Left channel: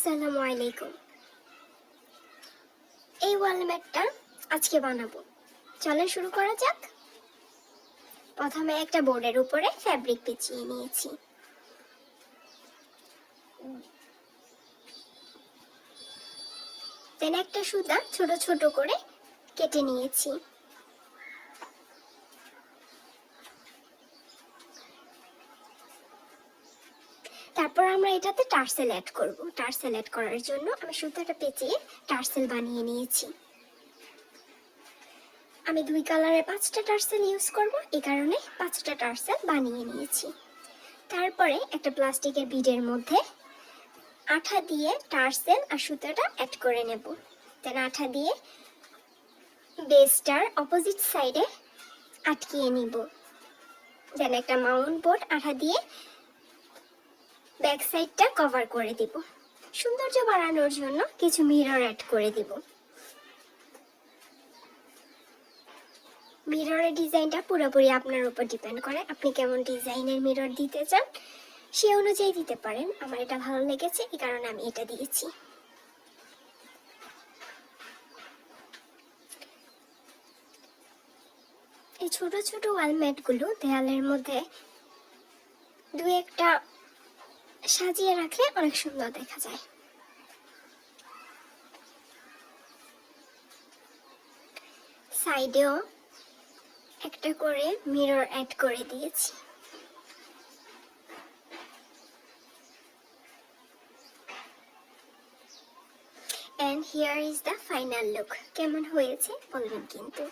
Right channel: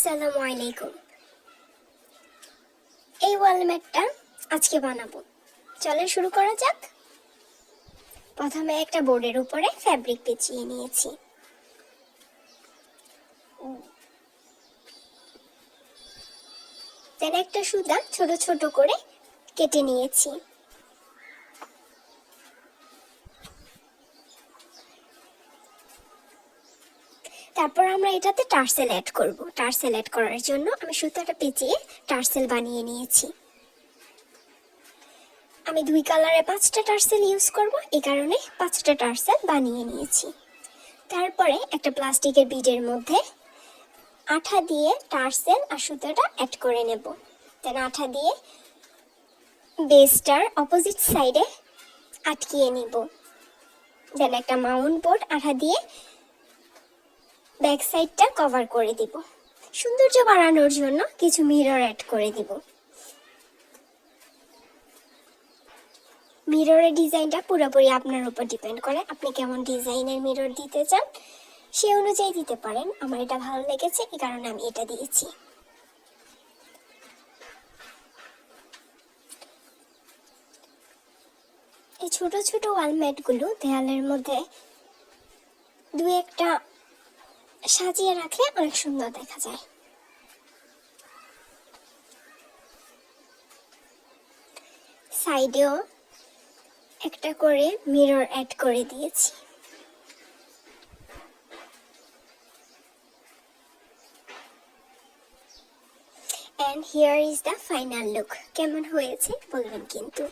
আসসালামু আলাইকুম। এই ওয়ালমেটটা আজকে বানাবো, চলে শুরু করা যাক। প্রথমে একটা বোর্ডের উপরে ফ্যাব্রিক পেঁচিয়ে নিয়েছি। দেন একটা সুতা ছোট ছোট করে কেটে নিয়েছি। তারপর আমরা এটাতে টার্সেল অ্যাড করব। টার্সেল অ্যাড করার জন্য আমি সুতাটা পেঁচিয়ে টার্সেল বানিয়ে নিয়েছি। আমি 2 কালারে 5টা টার্সেল ইউজ করব, এই কারণে 5টা টার্সেল বানিয়ে নিয়েছি। তারপরে একটা প্লাস্টিকের বিডের মধ্যে আঠা দিয়ে টার্সেল আর সুতাটা অ্যাড করে নেব। দেন আঠা দিয়ে বেসটার অপোজিট সাইডে আটকিয়ে নিব। দেন একটা মাউন্ট বোর্ড আঠা দিয়ে ব্যাক সাইডটা কভার করে দিব। সৌন্দর্য বাড়ানোর জন্য কিছু মিরর অ্যাড করে দিব। মিররের ডিজাইনটা পুরোপুরি আপনার উপর ডিপেন্ড করে, আপনি কেমন ডিজাইনের মিরর দিতে চান সে অনুযায়ী দিতে পারেন। আমার এটা ভালো লেগেছে, এই কারণে আমি এটা দিয়েছি। এই ছোট ছোট ওয়ালমেটগুলো দেয়ালের মধ্যে 2-1টা সাজিয়ে রাখলে অনেক সুন্দর দেখা যায়। সাইডেও একটা করে মিরর অ্যাড করে দিয়েছি। And here is the final look. কেমন হয়েছে বলবেন কিন্তু।